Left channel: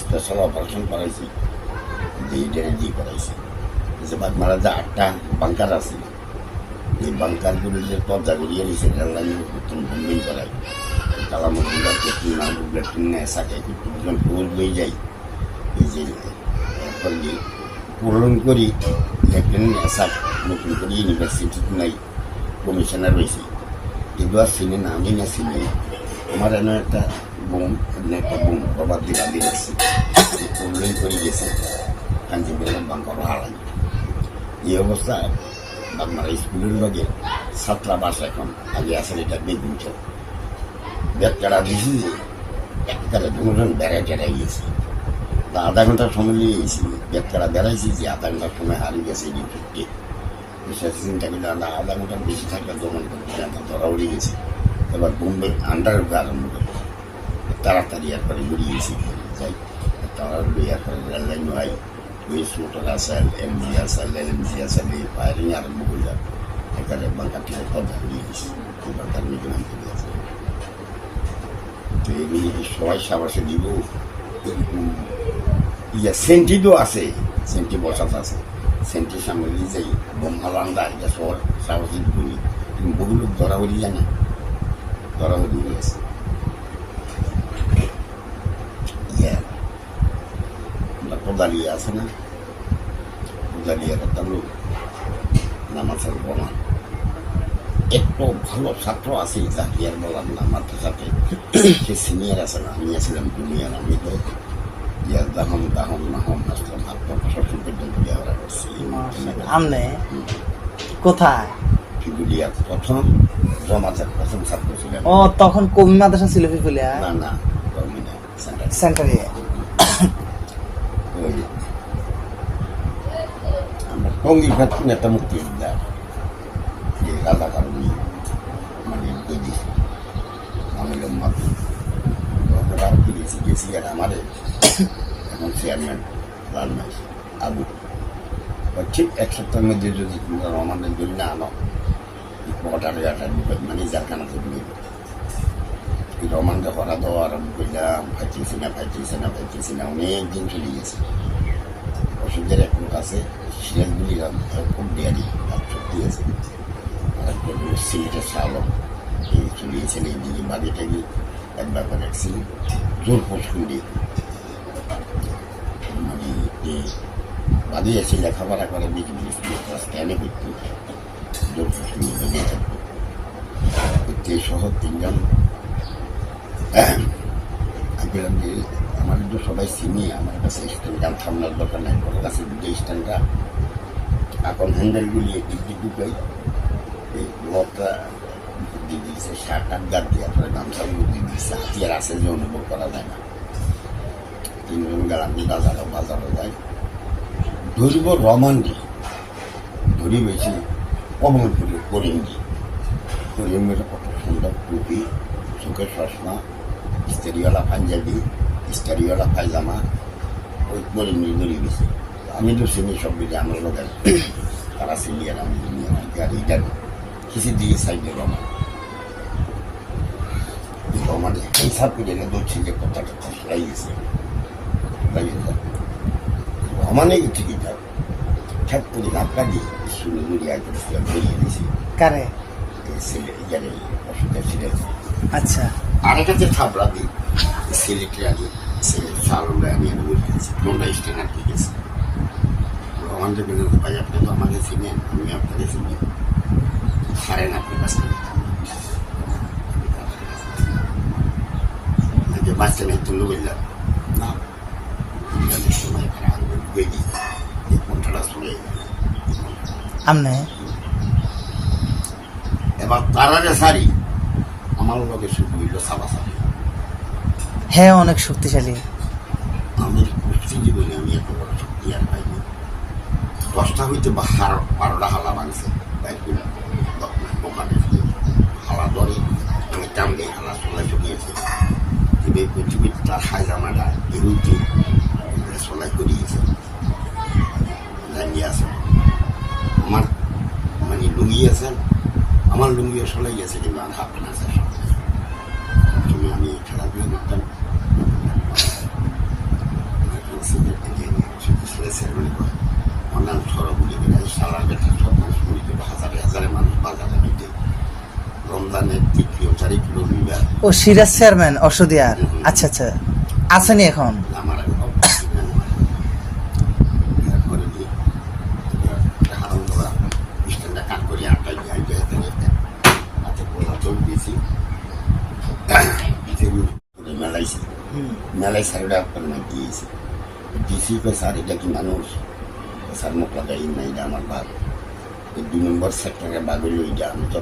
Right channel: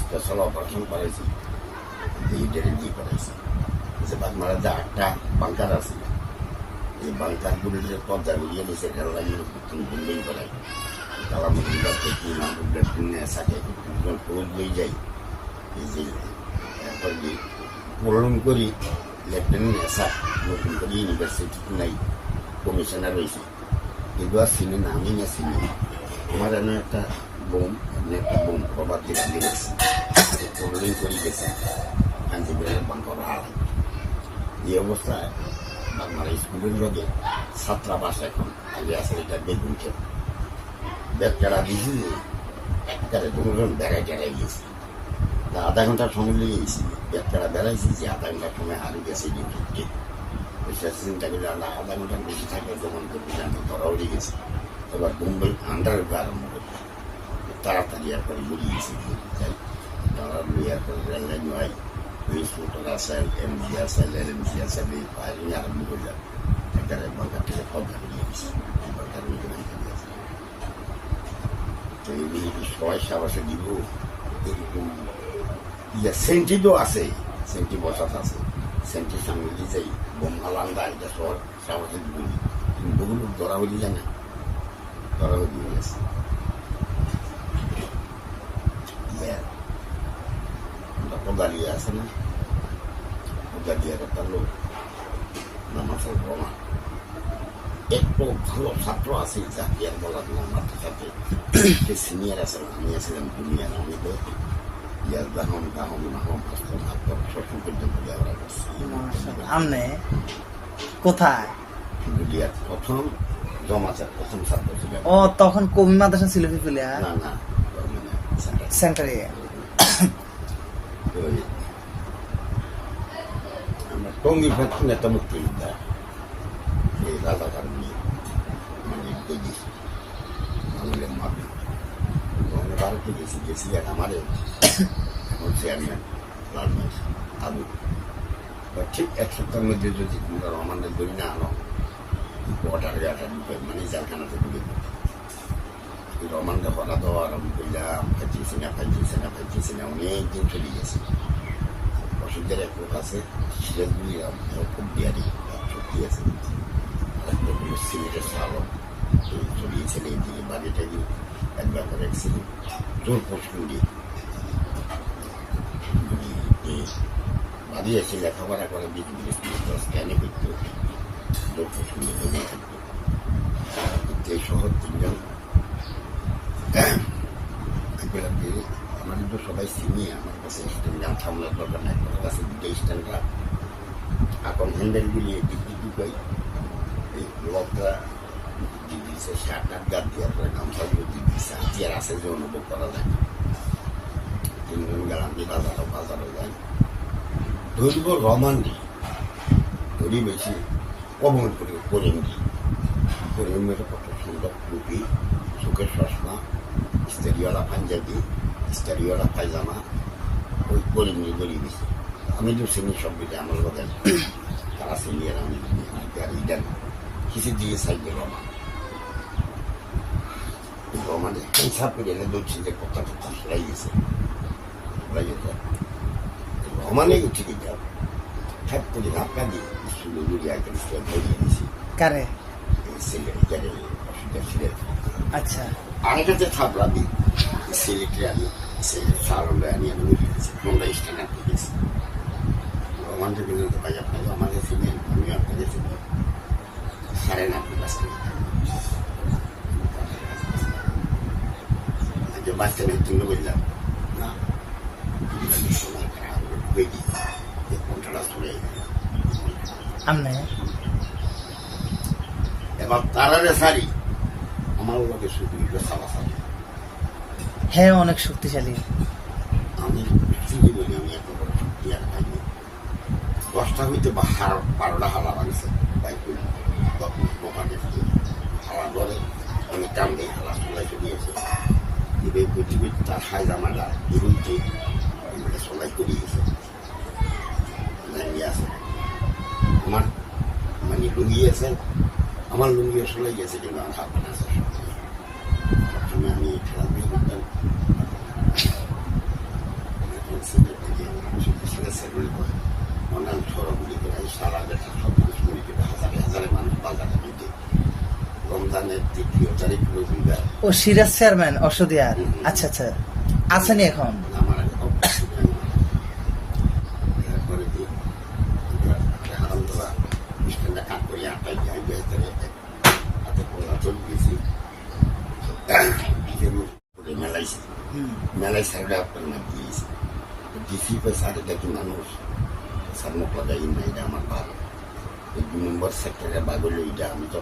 Special operation করাইছি, জি করাইছি। যে বাগমারা যে 8টা বাংকার আছে, এই বাংকারগুলির যে পর্দা বেরিয়ে নিছে রেল লাইনের বোম্বিং করায়, কালামুদ্দিন নেশাকে দুজন পুরুষ লই যাই, এই যে এরপর পূরণ করি লেফটেন্যান্ট নেশাক নতুন করে ইউনিভার্সিটি নাই কমিশনার রয়েছে, কিন্তু আর চিনি না, আমি না চিনি। আমার এনে একটা বোম, এমনি একটা বোম বাবার দিলা দিয়ে রাখছি, পূরণ করে গেছে কাঞ্জিপুরের বাংকার হারাই। এই অবস্থায় বাগমারা স্কুলের লগে ছাত্রাবাস এখন আগে আসলে এটা বেগুন চোখ বেচারা দিছি যে একবারে দুজন বেড়াই টেড়াই গেছে, আধা ঘন্টা সময় নিয়ে গেছি, বেচারা বেড়াইছি যে আধা ঘন্টার সময় হারিয়ে গেছে এটি ঢুকতে। চিন্তা করলে আমরা আধা ঘন্টার বেশি থাকলে দমন করতে আমরা ধরা উড়ে গেছি। এবার বোম্বে আন্ডারে আরম্ভ করতে তাড়াতাড়ি এরপরে বেরিয়ে গেছি, যাই তারা এরপরে রেল লাইন হয়, মোটর আসেল, এমজি আসেল, এলএমজি আসেল, এই ফায়ারিং আরম্ভ করলাম। এখানে বাংকার থেকে পদ্মা বেরিয়ে গেছি, বাংকার মিটিং আনতে গেছে। তো এগুলি কি সবাই সাবাসে দিব? সেন্টিও আছে, সেন্টি বসাত আছে, সেন্টির সামনে দিয়ে যাই বোম হালান্দা, এটা শহর সাহসিক ভূমি, কিন্তু বহু লোক ধরা হয়ে যায় না, ধরা হয়ে গেছে। আমরা কোদালিয়া আছে না, কোদালিয়ার একটা লোক নামাজের বোমা, একটু ভালো ছাত্র আছে জাহিয়ার বললাম না, মাথার সাথে সে সিনিয়র আছে না, আমি আছিলাম জুনিয়র। আমি তো দাহম দাহম নাহম আসলাম শ্বশুর পর্যন্ত দেওয়া করছি। কোথায়? ফিগুলিয়া প্রথম জমাতের প্রথম ছাত্র ছিলেন। ও তখন কবি মাদ্রাসা ছিল ফিগুলিয়া? না না, সেন্টারে। ওই আমরা টঙ্গি ফাঁকি একটা মুক্তিযোদ্ধা রাজা কারণী মানে ভারতে গেছি আর আমারে এখন চেয়ারম্যান লাল মাই আবু ঠিক 1 সপ্তাহের মধ্যে যদি তোমরা রমানের দড়ি না আনো, পটারে আটার ঢুকে মানে জালখানাতে ঢুকে রমানকে হরা দেওয়া আরম্ভ করলাম, ফাইতেছি না, অনেক দিন চলে গেছে। ওষুধের এক লোক আছে সিলেটগুলি খুব দেয়ারি শক্তি আছে, সিলেটের চালক চলিয়েছিল এইদিকে বাড়িটা গিয়ে একবার করে অ্যাক্সিডেন্ট জোর পছন্দ দিয়ে মানে বাদিয়েছে, লেখাপড়া করে স্ক্যানে করতো, জোর পছন্দ বেঁধে থাকতো। সহ 3জন গেলাম যে আমার তো সবাই চিনি, আমার কাছে স্ট্যান্ডাম থামলার দরকার নাই, তোর কাছে 2টা স্ট্যান্ডটা এখন হ্যান্ডেলগুলি দিক ঢুকাই লোকটা দিয়ে দিয়েছে, শার্ট আট গাছ দিয়ে পরে গামছাগুলো দিয়ে দিচ্ছে, হাতিয়ার আছে যে অনুভব করা যায় না। 3জন গেলাম যে বাজারে যাই, ধরব রমান্ডি, ধরি বেশি কমন করিমের কত সুন্দর টুপি, চোখের চশমা, স্টারিওয়ালা পাঞ্জাবি, স্টারিওয়ালা পায়জামা, ওই করিমনি ধরি গেছে। আমি তো চিনি সব দিকে আমার লোক তারা সিনিয়র, আমি আর ইডার কিসের দিকে সাইডে রমান হিসাব করে ধরছি যে কথাটা লাই গেছে, রমানে ঠিকই যাও ঠ্যাপ করে ধাক্কা দিয়ে স্কুলে দৌড়িয়ে আইতে বেরিয়ে দিয়েছি। কারে? সিলেটে অসুবিধা ছিলেন। আচ্ছা, আরেকটা যে থাপড়া দিই সিলেটে আমি সিলেট সারলে আমি বেরিয়ে দিয়েছি, তোমরা স্টেন আটকে গেছি। রমানটা কিন্তু ভাই আপনি তো আমাকে চিনেন, আমি আপনাকে চিনি, হারেন আপনি কাছে বাচ্চারা একটু লোক যান না, সময় কণ্ঠটা চলে আমনে এবার তারারে সারি আমার লোকে শুধু হইল সাবাসারি। হ্যাঁ, অনেক শক্তিশালী। আমি চিনি বলি আমি এত বড় শক্তি আর পাইনি। 10টা হইতে 12টা হালা ভাঙছে দোকানে, হালা ধরে আমি টান দিয়ে হালা চলাই চলিয়েছি, তার হাই জামাটা এগুলিতে চলাই করিয়েছে, দাঁড়িয়ে আছে আমার মানে লুঙ্গি আছে, আমার লুঙ্গিও চলাই গেছে, কিন্তু আমার হাত আছে সব। আমি খেলাধুলা করতাম, করে কয় আমার নাম সরবুলি কিনা এই সারা বেটা সব মানুষ মরে গেল হাজারে হাজারে মানুষ বাজারে দিতে রমজানের 3 4 কিলোমিটার ও সিরাজ চেয়ারম্যান অসুদিয়ার আচ্ছা আচ্ছা আসেনি এখন আমার এখন এরপরে কি হারাম করা স্ট্যান্ডে কান করি আটকাই যাইতে হাতে পোলা চল দিয়েছি মেলাইছি মেলাই স্যারটা আপনার না দিয়েছি দিয়েছি স্যার এটা কি মানুষ স্যার মুখ লাগাই না এটা আমার বাঘ এই 2 নম্বর সেক্টরের বাঘ হইল ওইটা আমি তো